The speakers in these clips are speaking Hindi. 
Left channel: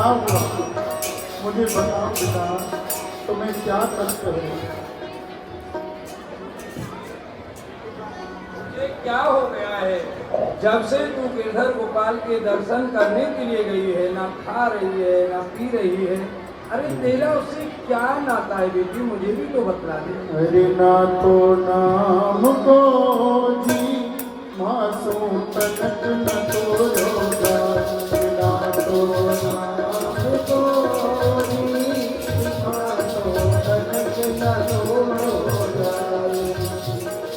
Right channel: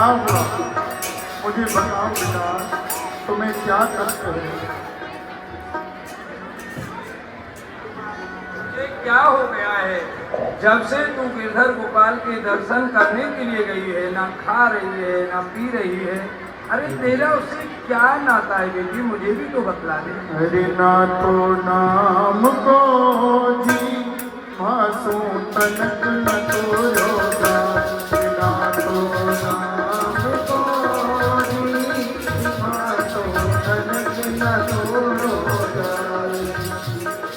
क्या हुआ? मुझे बताओ बेटा, तुम्हें क्या कष्ट है? ये क्या हो गया है? जब से तू गिरधर गोपाल के दर्शन करने के लिए गई है, ना खा रही है ना पी रही है। अरे तेरा उससे क्या नाता है बेटी? मुझे भी तो बतला दे। अरे ना तो नाम को जी मासूम तनक न तो रोगा, ना तो नाम को जी मासूम तनक न तो रोगा।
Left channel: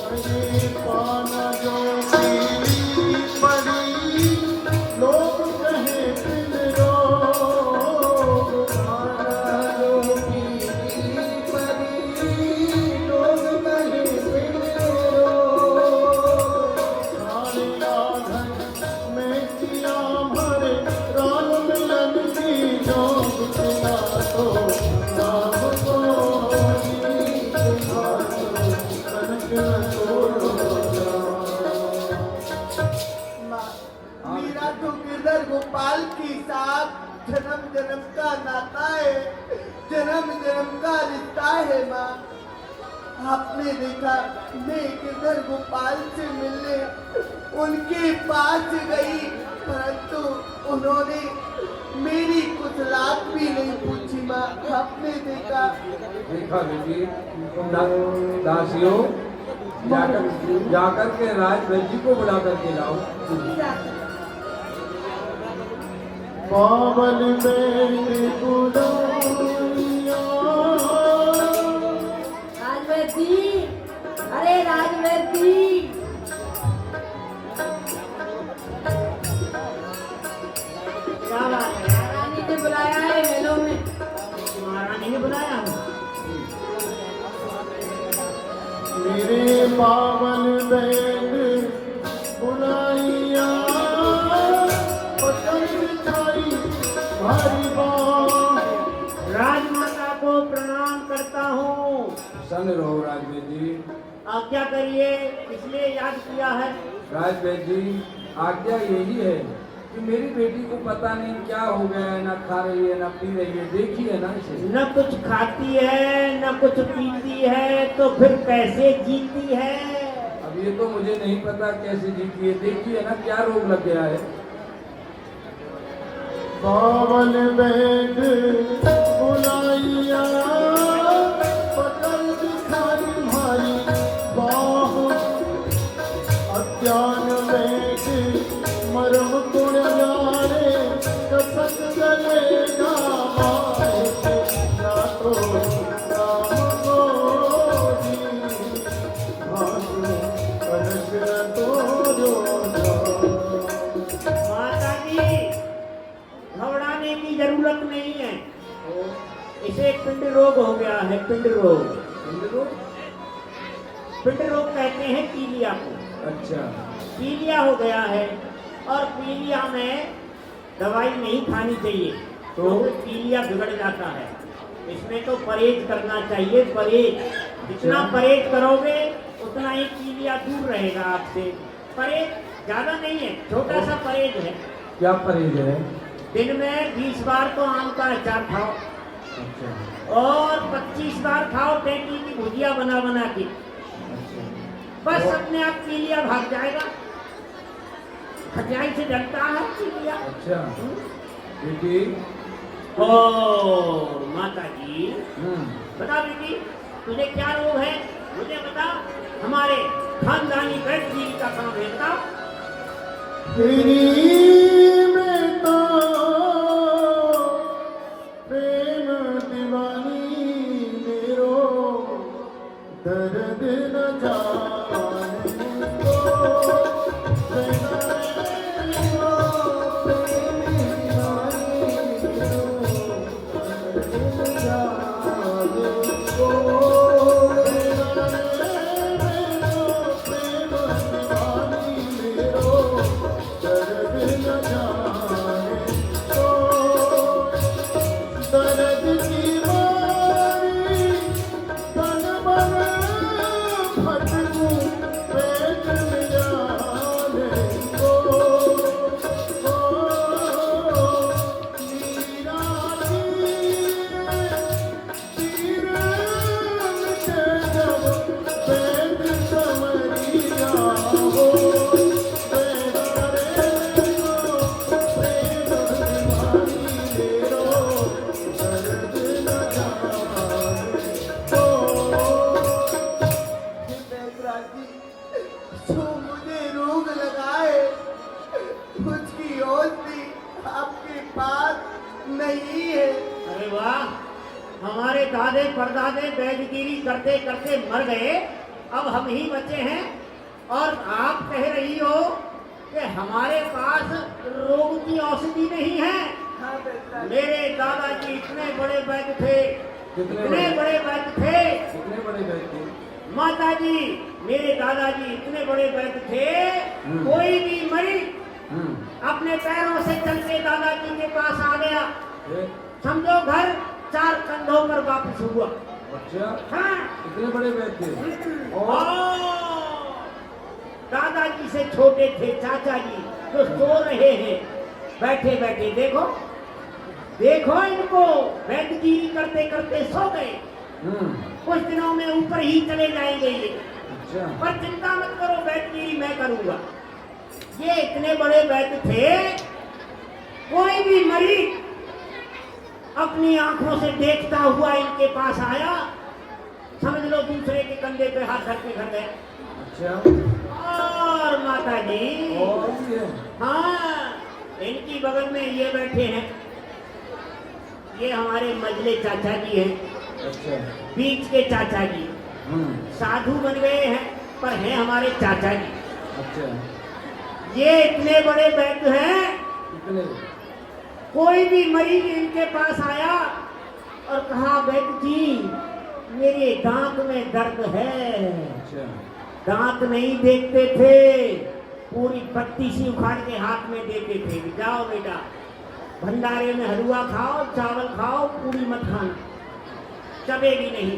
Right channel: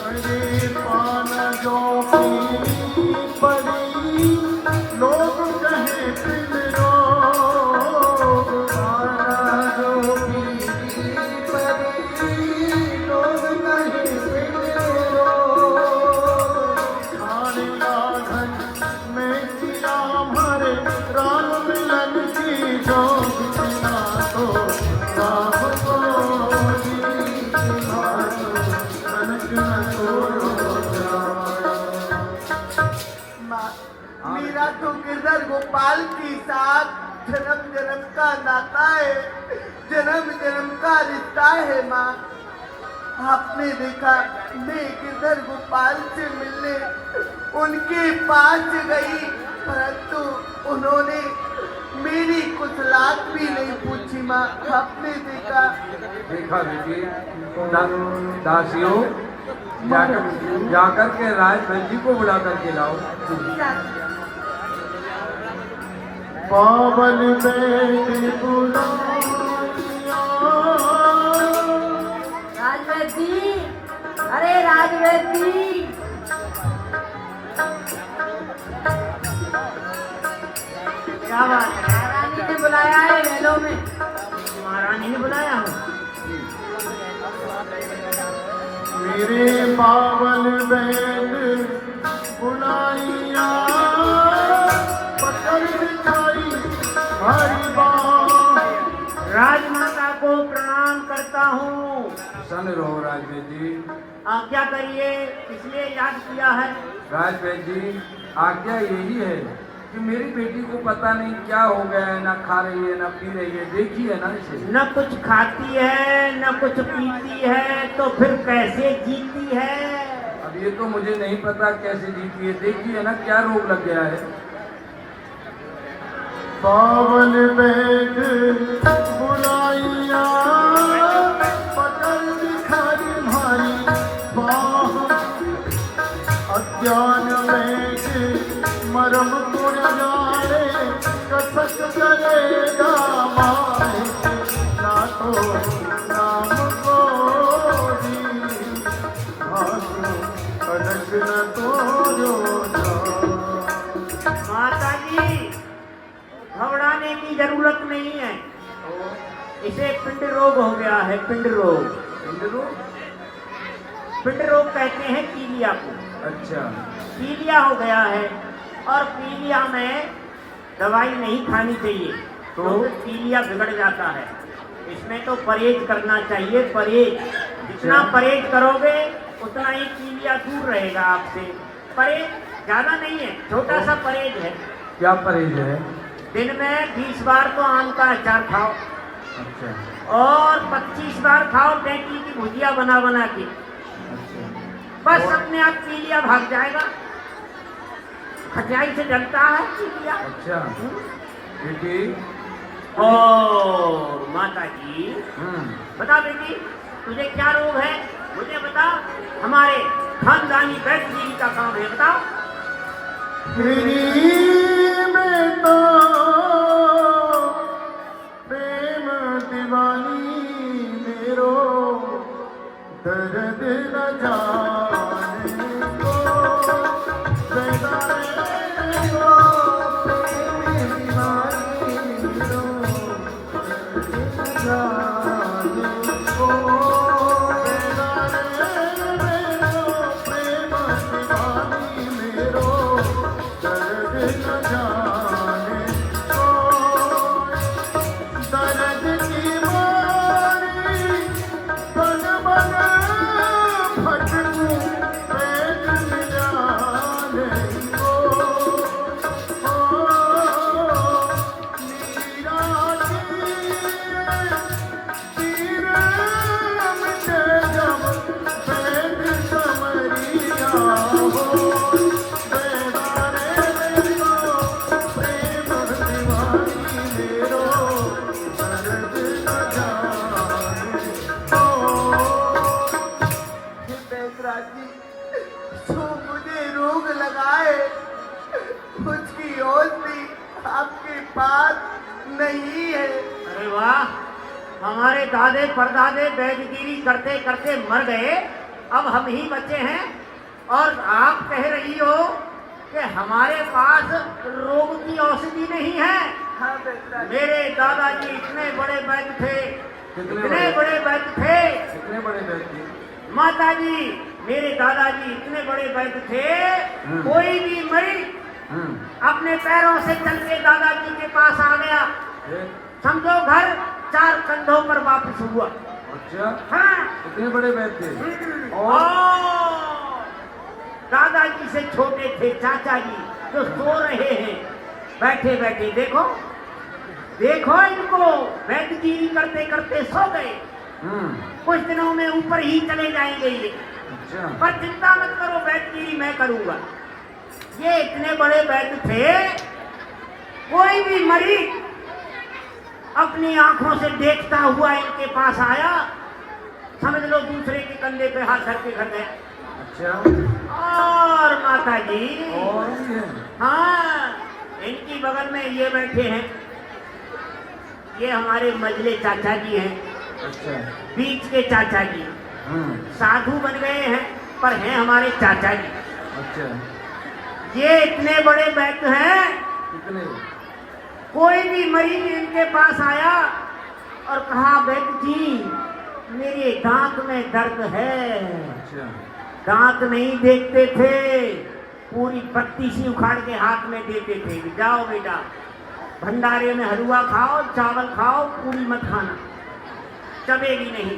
अरे पान जो पीली पड़ी लोग कहे पिन रोग, पान जो पीली पड़ी लोग कहे पिन रोग। खाने आंगन में किया भरे राम मिलन की जोग, बिना तो राम को जी मासूम तनक न तो रोगा। मेरा तो गिरधर गोपाल के साथ जन्म जन्म का नाता है, जन्म जन्म का रिश्ता है माँ। आपने देखा मैं गिरधर गोपाल से मिलने उनके पास गई, परंतु उन्होंने मेरी कुछ लात भी नहीं पूछी माँ। आपने देखा बेटी, दासियों जाकर के राज जी को बुला करके लाओ। पावन बेटी बुलाइया, राजवैदी, अरे राजवैदी, क्या बात है? महारानी ने बुलाया है मेलों में। महारानी ने बुलाया हूँ। मेरे पावन बेट बुलाइया, पत्थर दिखाई भारी बात। राजमाता को प्रणाम करता हूँ। सन रहो राजवेद जी। आज्ञा करिए, इसलिए याद किया है। राजवेद जी, आज्ञा यही है कि मेरी बेटी को पता नहीं क्या हो गया है, ना खा रही है ना पी रही है। देखिए ना इसे, न कुछ खाती है न कुछ पीती है, तो फिर कैसे जीती है? अब ये तो मुझे नहीं पता कैसे जीती है। देखिए ना क्या रोग लग गया है। पावन बेट बुलाइया, पत्थर दिखाई भारी बात। अज्ञान बेट मरम गुण जाने, कसक करेगा माए, ना तो नाम को जी मासूम तनक न तो रोगा। माता जी, घबराने की जरूरत नहीं है। इसे पिंड रोग हो गया है। पिंड रोग, पिंड रोग कहते हैं पीलिया को। अच्छा, पीलिया हो गया है, और पीलिया में दवाई नहीं खानी चाहिए, तो पीलिया बिगड़ जाता है। इसमें तो परहेज करना चाहिए। परहेज जितना परहेज करोगे उतना ही पीलिया दूर रहेगा आपसे। परहेज ज्यादा नहीं है, छोटा सा परहेज है। क्या परहेज है? दिन में 20 बार तो आम का अचार खाओ, अच्छा, और 25 बार खाओ टेकी की भुजिया बना बना के। बस अपने आप पीलिया भाग जाएगा। खटियाई से डरता है पीलिया। अच्छा बेटी। ओ माता जी, हम्म, बता बेटी, तुझे क्या रोग है? मुझे बता। हमारे खानदानी वैद्य जी का काम है, बता। तेरी बेटा प्रेम दीवानी मेरो, दर्द न जाने को। बेटा मेरो प्रेम दीवानी मेरो, दर्द न जाने को। बेटा मेरो प्रेम दीवानी मेरो, दर्द न नहीं है। अरे वाह, हमारे दादे परदादे वैदगिरी करते करते मर गए, अब हम ही बचे हैं और आप कह रही हो कि हमारे पास रोग की औषधि नहीं है। हाँ बेटा, मेरे दादाजी इतने बड़े वैद्य थे, कितने इतने बड़े? बड़े वैद्य थे। कितने बड़े व्यक्ति? माताजी, मेरे दादाजी इतने बड़े वैद्य थे, कोई भी मरीज अपने पैरों से चल के दादाजी के पास आ गया, फिर? समझो घर 4 कंधों पर वापस हुआ। अच्छा, हाँ। कितने बड़े व्यक्ति थे? और दादाजी से छोटे थे चाचा जी, जो सो रहे हैं बैठे बैठे। देखो देखो इनको, वैद्यगिरी करते करते सो गए। कुछ दिनों में ऊपर ही चले जाएंगे ये, अच्छा, पर चिंता मत करो, वैद्यगिरी मैं करूंगा। ये इतने बड़े वैद्य थे, कोई भी मरीज अपनी आंखों से देखता हुआ इनके पास आया, समझ लो दूसरे के कंधे पे हाथ धर के घर गए। अच्छा, और माता जी, और ये? हाँ, इनकी बगल में ये बैठे हैं, ये हमारे मजले चाचा जी हैं, अच्छा, बीच के चाचा जी साधु बन गए हैं पर हैं हमारे चाचा जी। अच्छा, ये इतने बड़े वैद्य हैं, कितने? कोई भी मरीज इनके पास आया और कहा वैद्य जी मेरे दांत में दर्द है। अच्छा, दांत नहीं देखते थे, पूरी पत्ती सी उखाड़ के हाथ में देते थे, जाओ बेटा भंडारे में हलवा खाओ, चावल खाओ, पूरी मत खाना, चबेगी नहीं।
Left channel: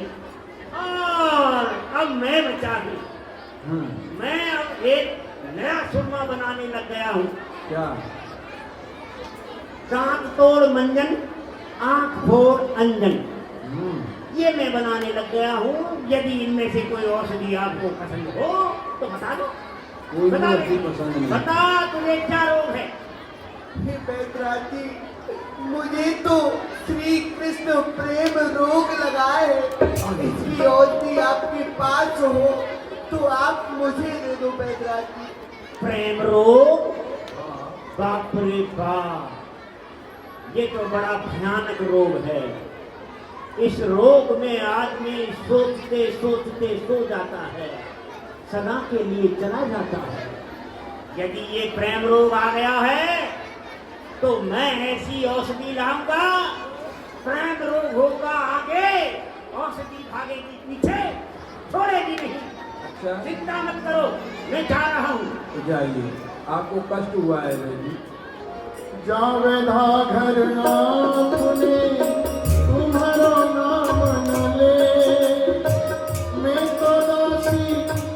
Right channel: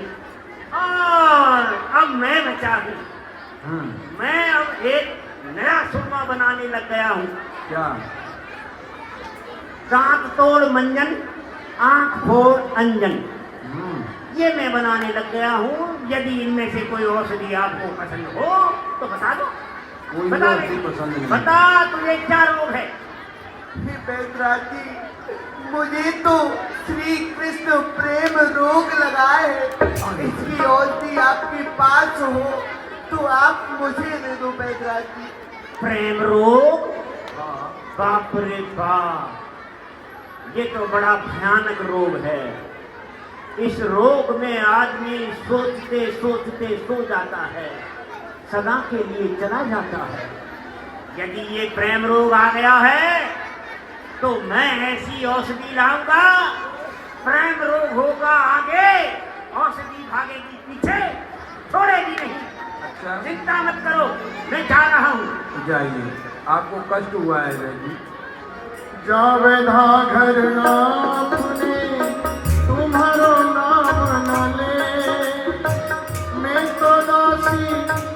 और अब मैं बचा हूं, मैं अब एक नया सुरमा बनाने लग गया हूं। क्या? दांत तोड़ मंजन, आंख फोड़ अंजन, ये मैं बनाने लग गया हूँ। यदि इनमें से कोई औषधि आपको पसंद हो तो बता दो। कोई बता दे। औषधि पसंद नहीं। बता तुझे क्या रोग है? हे बैदराज जी, मुझे तो श्री कृष्ण प्रेम रोग लगा है। इसकी औषधि आपके पास हो तो आप मुझे दे दो बैदराज जी। प्रेम रोग? बाप रे बाप, ये तो बड़ा भयानक रोग है। इस रोग में आदमी सोचते सोचते सो जाता है, सदा के लिए चला जाता है। यदि ये प्रेम रोग आ गया है तो मैं ऐसी औषधि लाऊंगा, प्रेम रोग होगा आगे, औषधि भागेगी पीछे, छोड़ेगी नहीं। अच्छा, चिंता मत करो, मैं जा रहा हूँ। तो जाइए, आपको कष्ट हुआ है जी? जावे धा घर आपने तुम्हारो नाम न ले, मैं तो दासी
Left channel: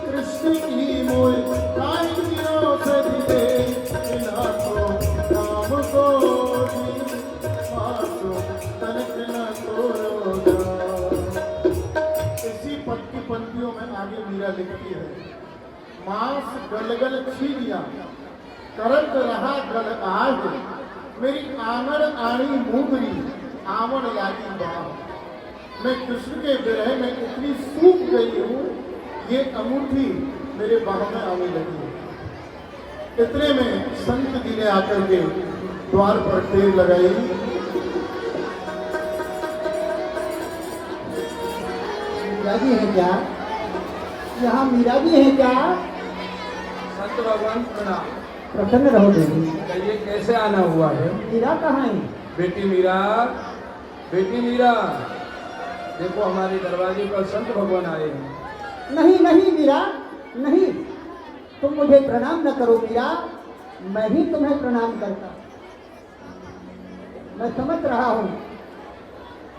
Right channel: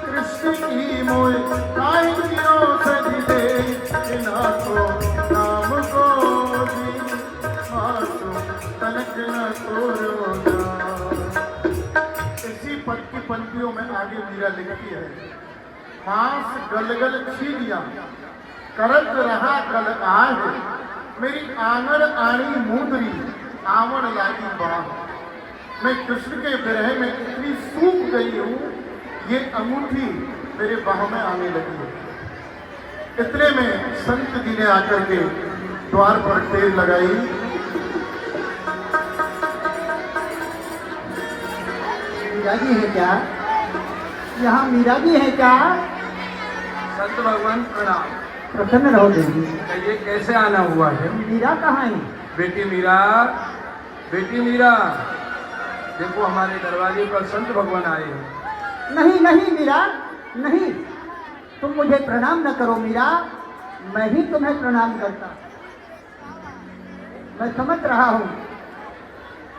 कृष्ण की मोय काई की औषधि दे, ना को नाम को जी आसो तनक न तोरोगा। इसी पद की पंक्तियों में आगे मीरा लिखती है, सांस गलगल छीलिया करत रहा गल आह, मेरी आंगन आनी मूदरी आवन लागी बाह। मैं कृष्ण के विरह में इतनी सूख गई हूँ, ये अंगूठी मेरे बाह में आने लगी है। इतने में संत जी ने आकर के द्वार पर टेर लगाई। मीरा जी है क्या? यहाँ मीरा जी है क्या? संत भगवान प्रणाम। प्रसन्न रहो देवी। ये कैसे आना हुआ है? मीरा कहाँ है? बेटी मीरा, बेटी मीरा, देखो हमारे दरवाजे पर संत भगवान आए हैं। नहीं नहीं मीरा, नहीं, तुम मुझे प्रणाम न करो मीरा, मैं ही तुम्हें प्रणाम करता। मैं समझ रहा हूँ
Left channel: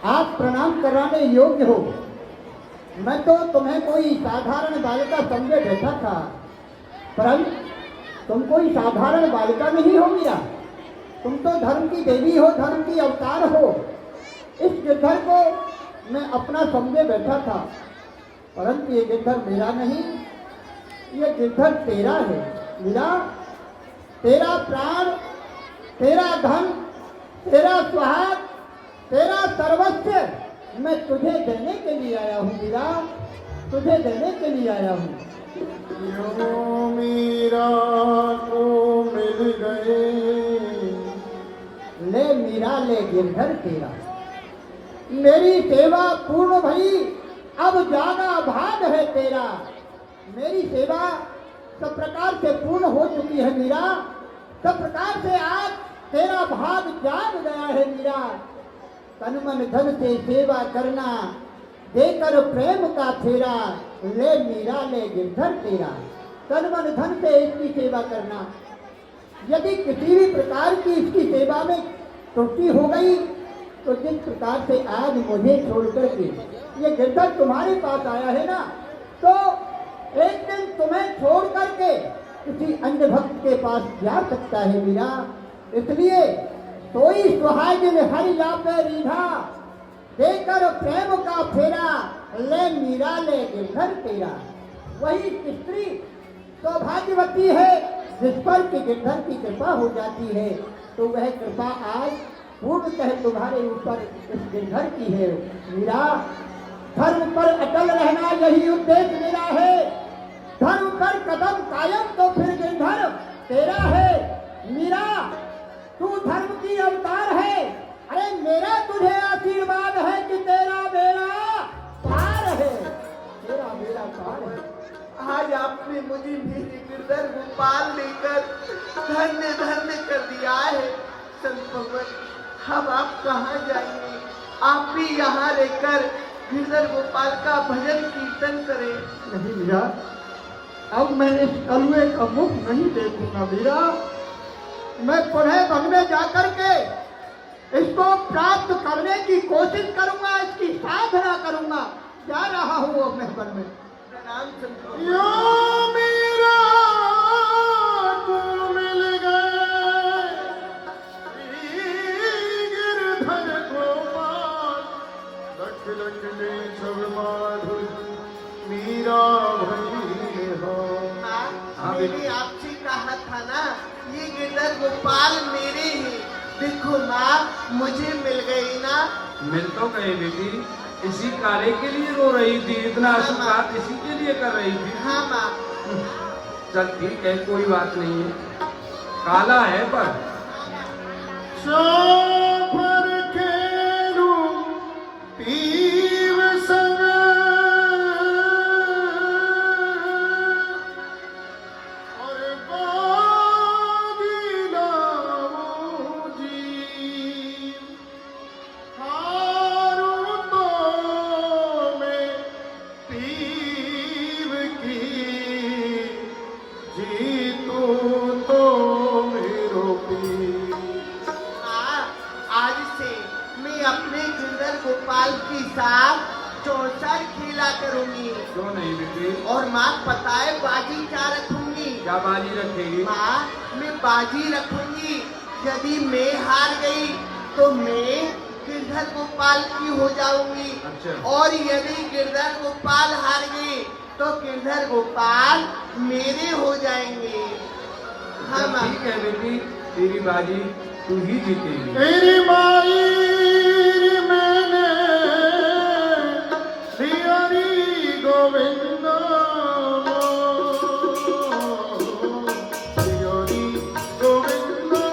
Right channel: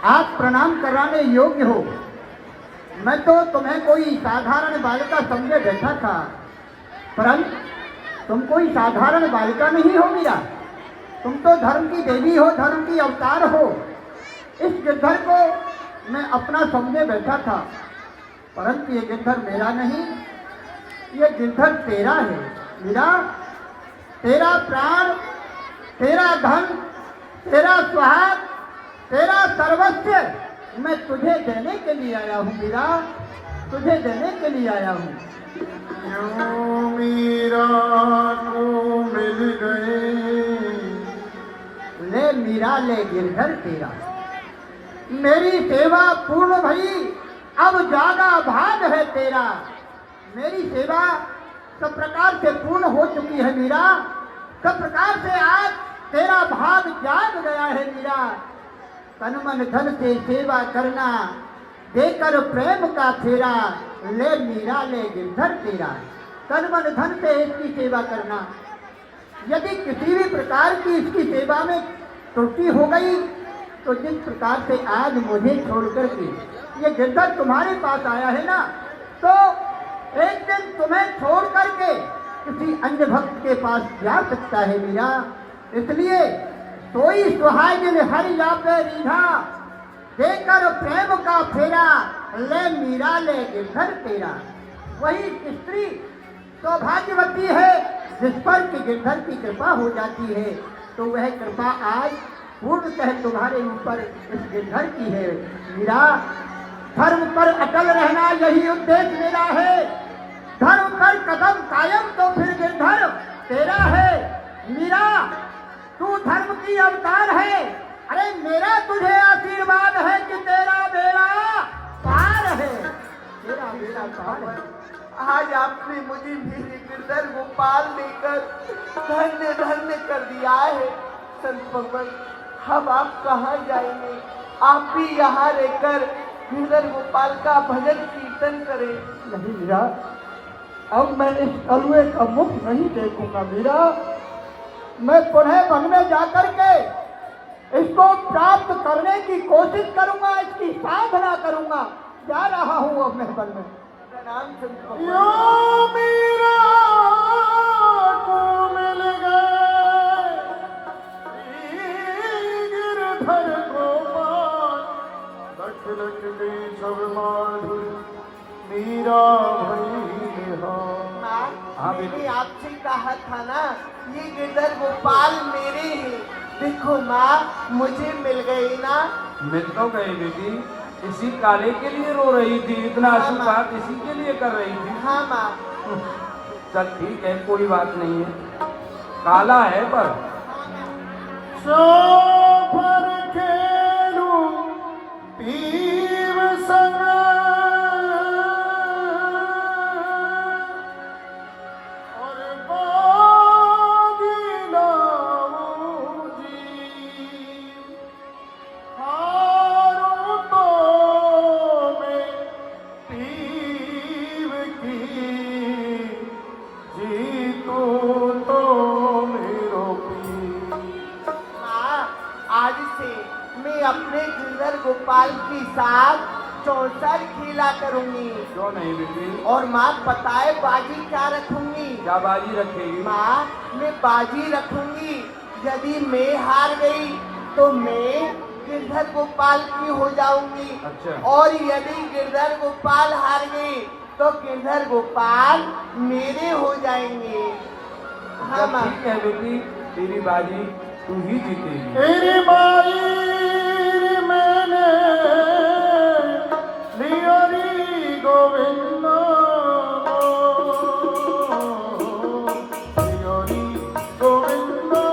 आप प्रणाम कराने योग्य हो। मैं तो तुम्हें कोई साधारण बालिका समझे बैठा था, परंतु तुम कोई साधारण बालिका नहीं हो मीरा, तुम तो धर्म की देवी हो, धर्म की अवतार हो। इस गिरधर को मैं अपना समझे बैठा था, परंतु ये गिरधर मेरा नहीं, ये गिरधर तेरा है मीरा। तेरा प्राण, तेरा धन, तेरा सुहाग, तेरा सर्वस्व मैं तुझे देने के लिए आया हूँ मीरा, तुझे देने के लिए आया हूँ। यूं मीरा को मिल गए, ले मीरा ले गिरधर तेरा। मेरी सेवा पूर्ण भई, अब जागा भाग है तेरा। मेरी सेवा सब प्रकार से पूर्ण हो चुकी है मीरा, सब प्रकार से आज तेरा भाग जाग गया है मीरा। तन मन धन से सेवा करना, देकर प्रेम का फेरा, ले मीरा ले गिरधर तेरा। तन मन धन से इसकी सेवा करना, यदि किसी भी प्रकार की इसकी सेवा में त्रुटि हो गई तो जिस प्रकार से आज मुझे छोड़कर के ये गिरधर तुम्हारे पास आया है ना, तो एक दिन तुम्हें छोड़ करके किसी अन्य भक्त के पास जा सकता है मीरा। इसलिए सोई सुहागिन हरि जापे रीधा, देकर प्रेम का फेरा, ले मीरा ले गिरधर तेरा। वही स्त्री सौभाग्यवती है जिस पर कि गिरधर की कृपा हो जाती है, तो वह कृपा आज पूर्णतः तुम्हारे ऊपर इस गिरधर की है मीरा। धर्म पर अटल रहना यही उद्देश्य मेरा है, धर्म पर कदम कायम तो फिर गिरधर तेरा है मीरा। तू धर्म की अवतार है, अरे मेरा तुझे आशीर्वाद है कि तेरा बेड़ा पार है, तेरा बेड़ा पार है। आज आपने मुझे मेरे गिरधर गोपाल लेकर धन्य धन्य कर दिया है। संत भगवान, अब आप कहाँ जाएंगे? आप भी यहाँ रहकर गिरधर गोपाल का भजन कीर्तन करें। नहीं मीरा, अब मैं इस कलुए का मुख नहीं देखूंगा मीरा। मैं पुनः वन में जाकर के इसको प्राप्त करने की कोशिश करूंगा, इसकी साधना करूंगा। जा रहा हूँ अब मैं वन में। प्रणाम संत भगवान। यो मीरा को मिल गए गिरधर गोपाल, लख लख दे सब माधुर मीरा भई हो। माँ, मैंने आपसे कहा था ना, ये गिरधर गोपाल मेरे हैं। देखो माँ, मुझे मिल गए ना। मिल तो गए बेटी, इसी काले के लिए रो रही थी, इतना आशीर्वाद इसी के लिए कर रही थी। हाँ माँ। चल ठीक है, कोई बात नहीं है, काला है पर सोफर खेलू पीव संग, और बागी लाऊं जी। हारू तो मैं पीव की, जीतू तो मेरो पीव। माँ, आज से मैं अपने गिरधर गोपाल के साथ 64 खेला करूंगी। क्यों नहीं बेटी, और माँ पता है बाजी क्या रखूंगी? क्या बाजी रखेगी? माँ, मैं बाजी रखूंगी, यदि मैं हार गई तो मैं गिरधर गोपाल की हो जाऊंगी। अच्छा। और यदि गिरधर गोपाल हार गए तो गिरधर गोपाल मेरे हो जाएंगे। हाँ जब माँ। ठीक है बेटी, तेरी बाजी तू ही जीतेगी। तेरी माई मैंने लिया री गोविंदा, लिया री गोविंदा।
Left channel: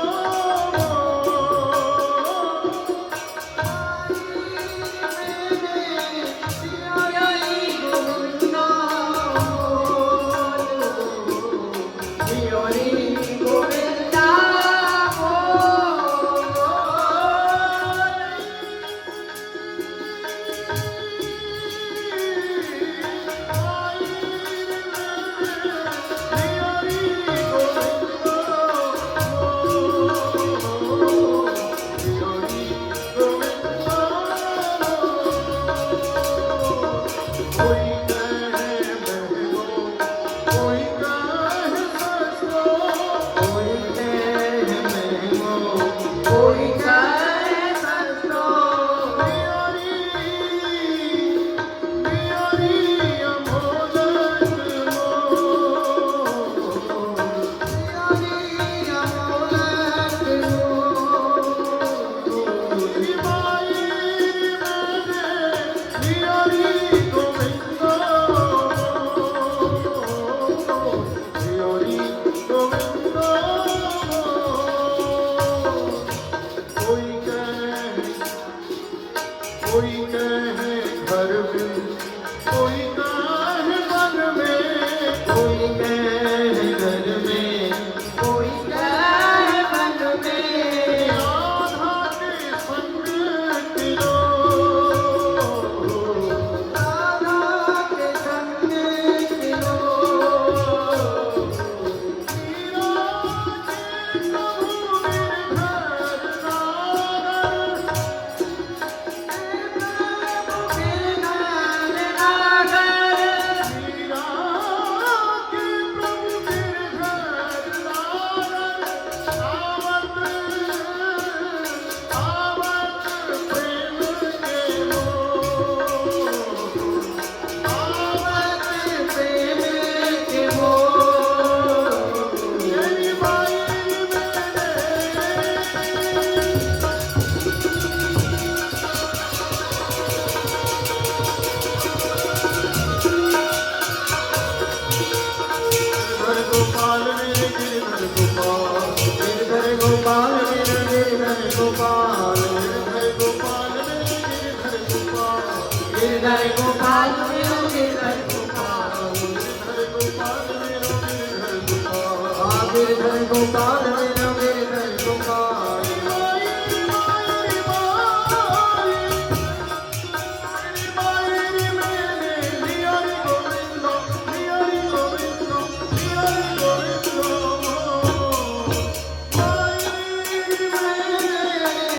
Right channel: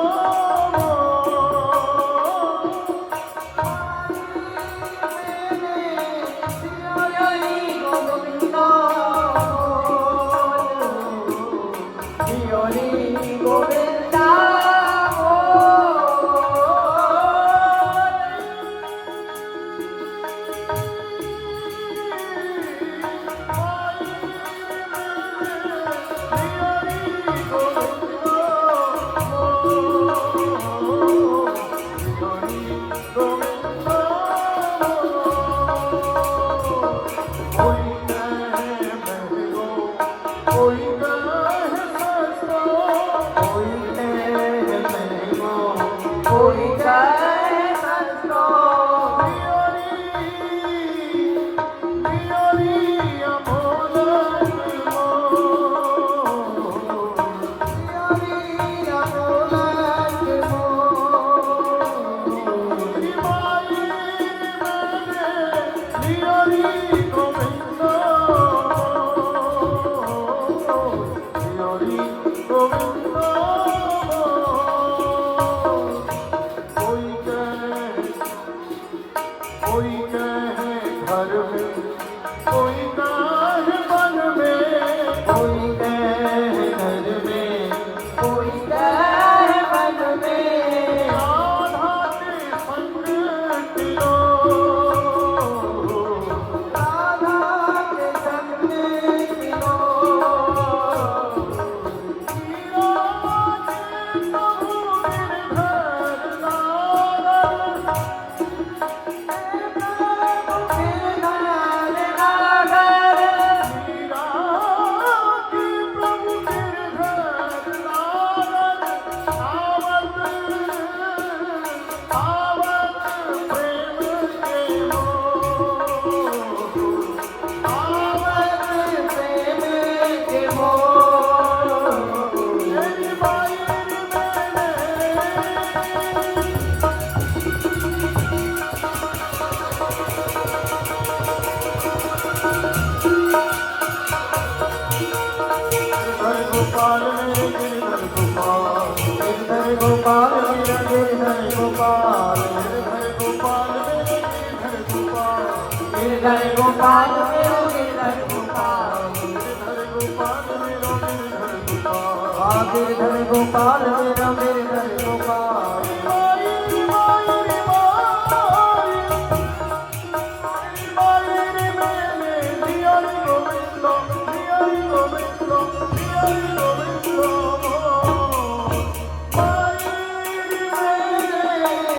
कोई कहे धर्म कोई कहे